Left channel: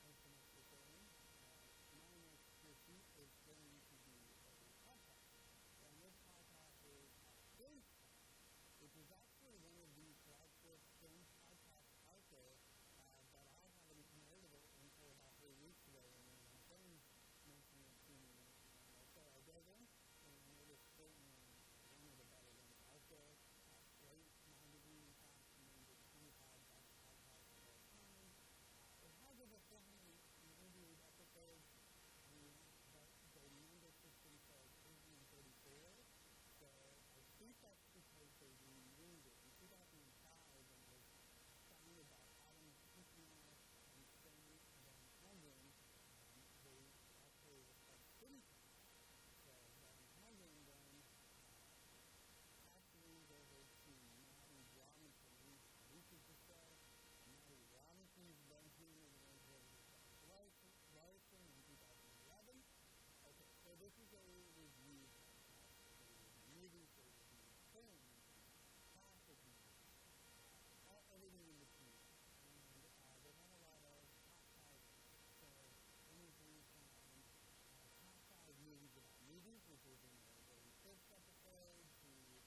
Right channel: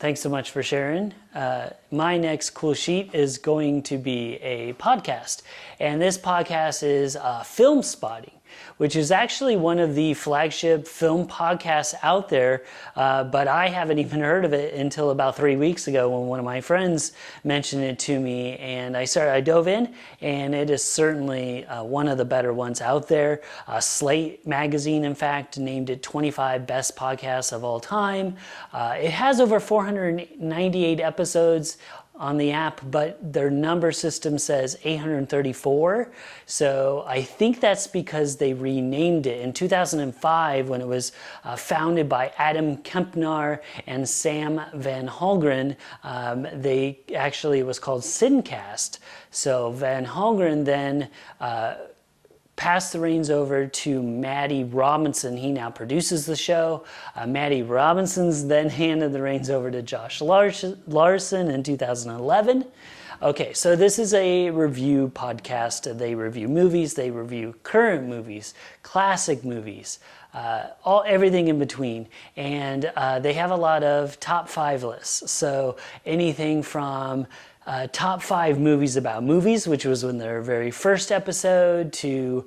Thanks so much for sharing. My next cool sheet is going to be a podcast. And this podcast is Filmspotting, which is actually one of the flagship film podcasts out there, but I haven't even heard of it until about 3 weeks ago when one of my friends mentioned it to me, and I dove in, and it is certainly one of the better ones out there. Slate magazine, in fact, named it 25 best podcasts of all time. It has over 498 episodes on the app, but their number system says 834. So I think that's because they renamed it in 2005 when it was founded by Adam Kempner and Sam Van Halgren. They actually, it was called Sincast. So Van Halgren then passed the reins over to Maddie Robinson. He now produces the show. Maddie Robinson's then handed the reins over to Josh Larson in 2011. Okay, so this is a review podcast. They review movies, they review current movies, classic movies, everything in between. And they have a lot of top 5 lists. So anything from top 5 movies about movies, which was in their very first episode, to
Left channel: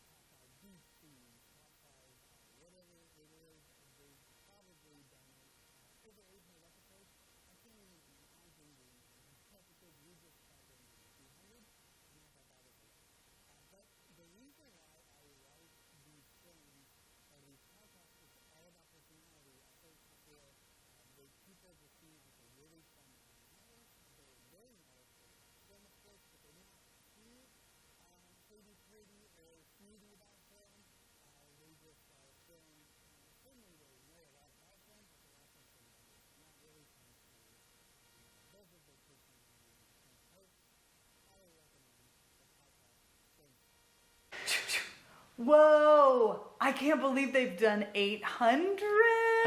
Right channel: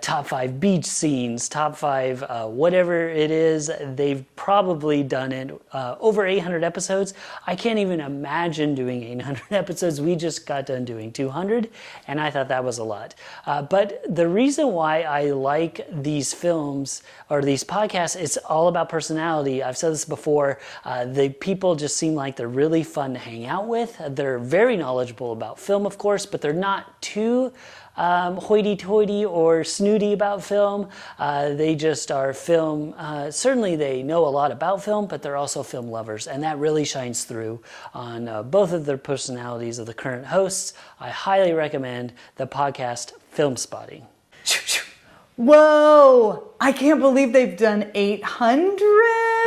top 5 beach scenes, top 5 whatever it is. They've probably done it over 800 episodes. I can't even imagine doing 800 episodes. We just got done doing 200, and I thought that was a lot. But the reason why I like these films or these podcasts, it's all about personality. I've said this before. The people just seem like they're really fun to hang out with. They're very knowledgeable about film, of course, but they're not too hoity-toity or snooty about film. They just are film. Certainly they know a lot about film, but they're also film lovers, and that really shines through on both of their personalities of the current hosts. I highly recommend the podcast Filmspotting. Whoa! I can't believe they've done 800.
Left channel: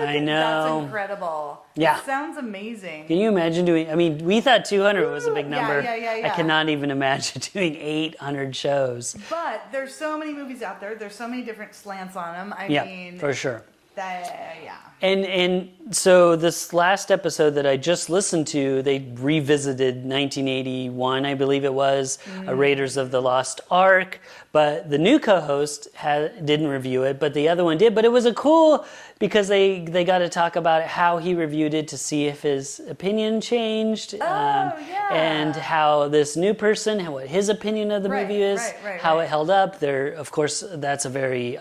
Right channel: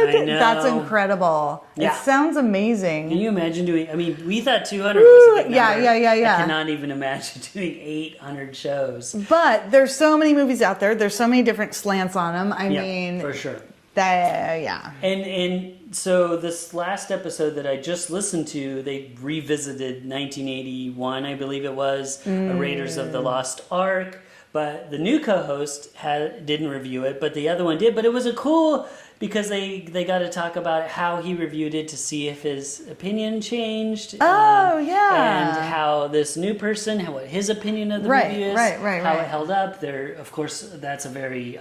I know. That's incredible. Yeah. It sounds amazing. Can you imagine doing, I mean, we thought 200 was a big number. Yeah. I cannot even imagine doing 800 shows. But there's so many movies out there. There's so many different slants on them. I mean, for sure. Yeah. And so this last episode that I just listened to, they revisited 1981, I believe it was, Raiders of the Lost Ark. But the new co-host didn't review it, but the other one did. But it was a cool, because they got to talk about how he reviewed it to see if his opinion changed. And how this new person, what his opinion of the movie is, how it held up. Of course, that's a very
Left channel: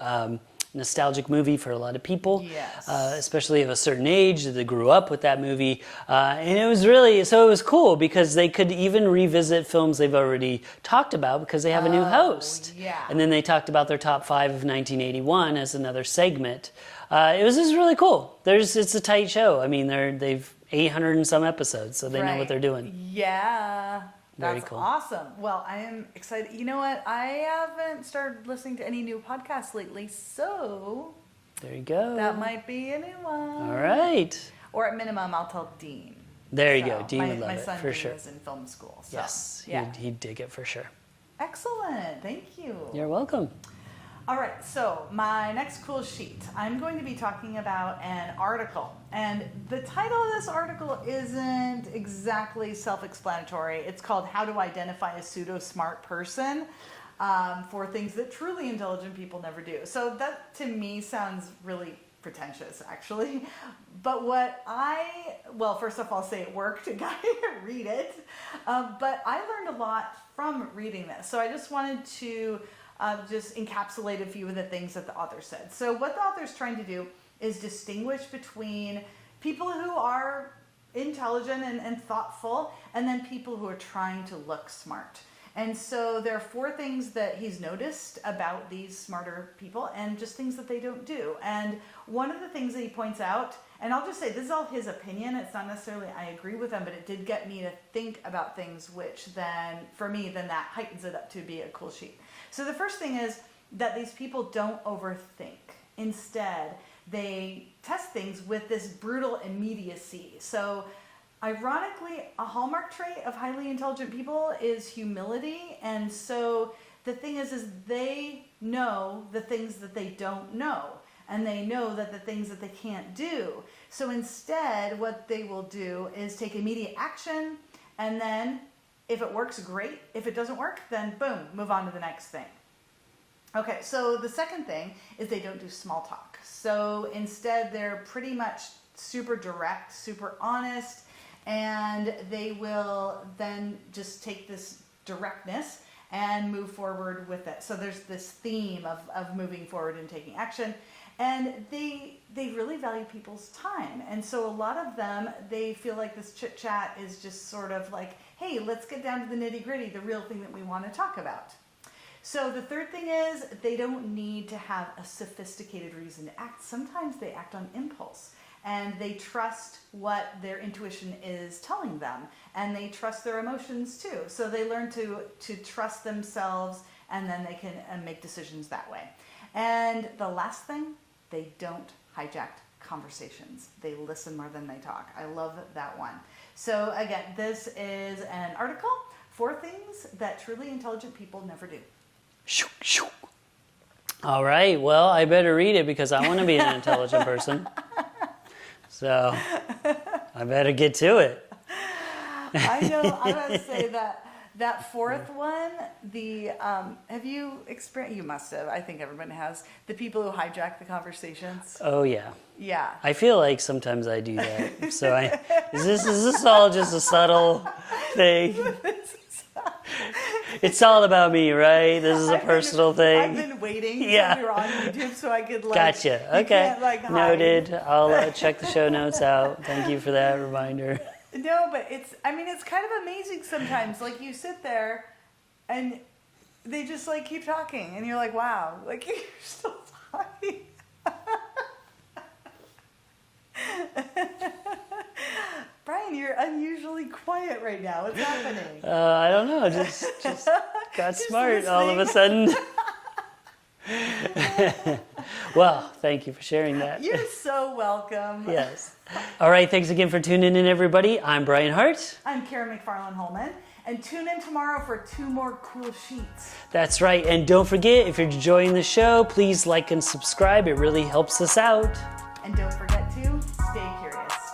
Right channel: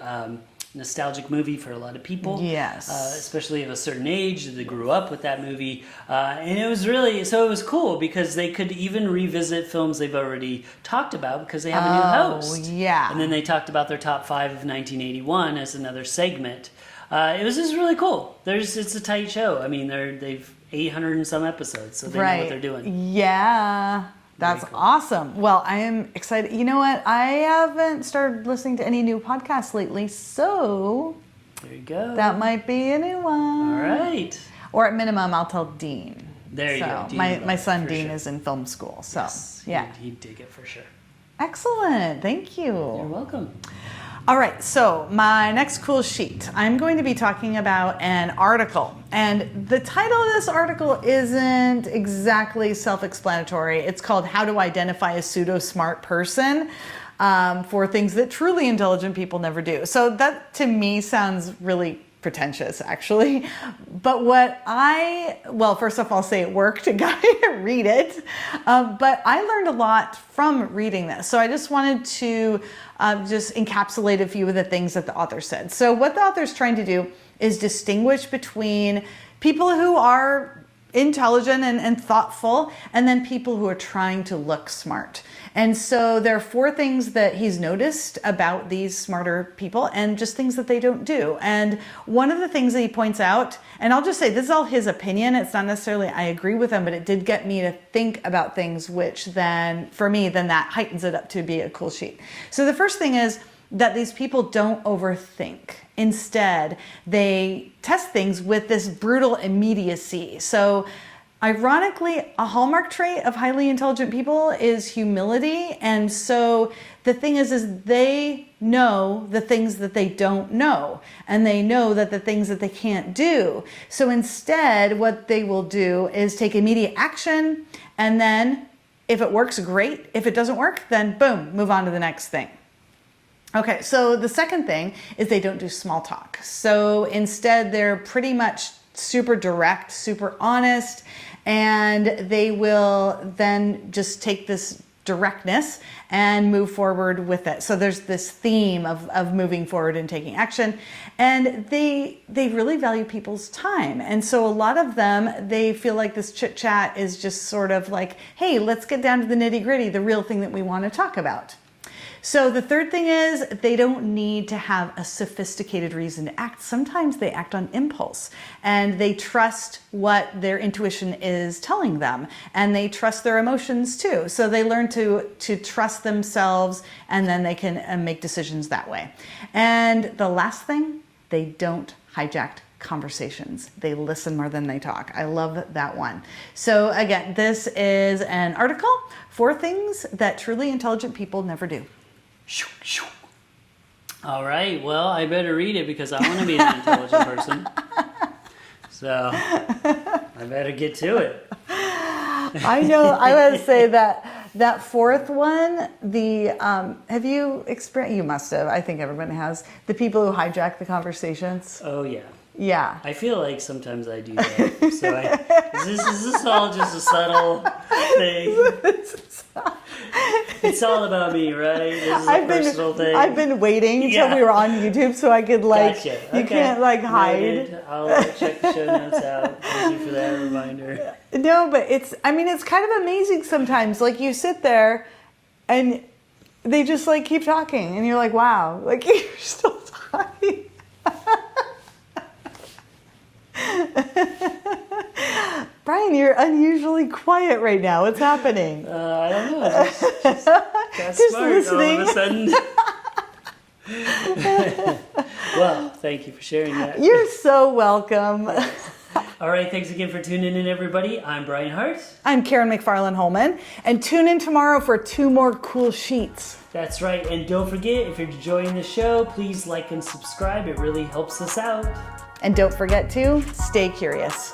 nostalgic movie for a lot of people. Yes. Especially of a certain age that grew up with that movie. And it was cool because they could even revisit films they've already talked about because they have a new host. Yeah. And then they talked about their top 5 of 1981 as another segment. It was just really cool. It's a tight show. I mean, they've 800 and some episodes, so they know what they're doing. Yeah. That's cool. Awesome. Well, I am excited. You know what? I haven't started listening to any new podcasts lately, so there you go. That might be a new one. All right. Or at minimum, I'll tell Dean. There you go. Dean my son Dean is in film school, so yes, he'd dig it for sure. Excellent. Thank you. You're welcome. All right, so my next cool sheet, I'm going to be talking about an article. And the title of this article isn't exactly self-explanatory. It's called How to Identify a Pseudo-Smart Person for Things That Truly Intelligent People Never Do. So that, to me, sounds really pretentious, actually. But first off, I'll say it worked. A guy read it. But I learned a lot from reading this. So I just wanted to just encapsulate a few of the things that the author said. So what the author's trying to do is distinguish between people who are intelligent and thoughtful, and then people who are trying to look smart. And so there are 4 things that he's noticed about these smarter people and just things that they don't do. And one of the things that he points out, and I'll just say this is all his opinion, it's not necessarily I agree with him, but it did get me to think about things, which then, for me, then that heightens it up to be a cool sheet. So the first thing is that these people don't overthink. Instead, they test things with this brutal immediacy. So Ironically, a hallmark trait of highly intelligent people is humility. And so the thing is they know the things that they don't know, and they know that the things that they can't do. So instead, what they will do is take immediate action, and then if it works, great. If it doesn't work, then boom, move on to the next thing. Okay, so the second thing is they don't do small talk. So instead, they're pretty much super direct, super honest, and they will then just take this directness and move forward with it. So there's this theme of moving forward and taking action, and they really value people's time. And so a lot of them, they feel like this chit chat is just sort of like, hey, let's get down to the nitty gritty, the real thing that we want to talk about. So the third thing is they don't need to have a sophisticated reason to act. Sometimes they act on impulse, and they trust what their intuition is telling them, and they trust their emotions too. So they learn to trust themselves, and then they can make decisions that way. And the last thing, they don't hijack conversations. They listen more than they talk. I love that one. So again, this is an article, 4 things that truly intelligent people never do. All right, well, I better read it because I want to be an intelligent person. So I better get to it. I know, I would say that fourth one, have you experienced, you must have, I think everyone has, the people who hijack the conversations? Oh, yeah. Yeah. I feel like sometimes I do that. So is this all just a subtle thing? It's all about me, right? This is a personal thing. I've been waiting until we were on YouTube so I could Gotcha. Okay. You can't hide. Noted. I'll check the show notes out. Thank you for that reminder. No, but it's kind of amazing sometimes. Like you sit there and they just keep talking and you're like, wow, you're still talking. Brian, you're unusually quiet right now. What's happening? I don't know. Just got smart listening. All of a sudden. Well, thank you for sharing that. You're so welcome. Yes. All right, thanks again for tuning in, everybody. I'm Brian Hart. I'm Karen McFarland-Holman. And tune in tomorrow for 2 more cool sheets. That's right. And don't forget, if you're enjoying the show, please like and subscribe. It really helps us out. And don't forget to stay curious.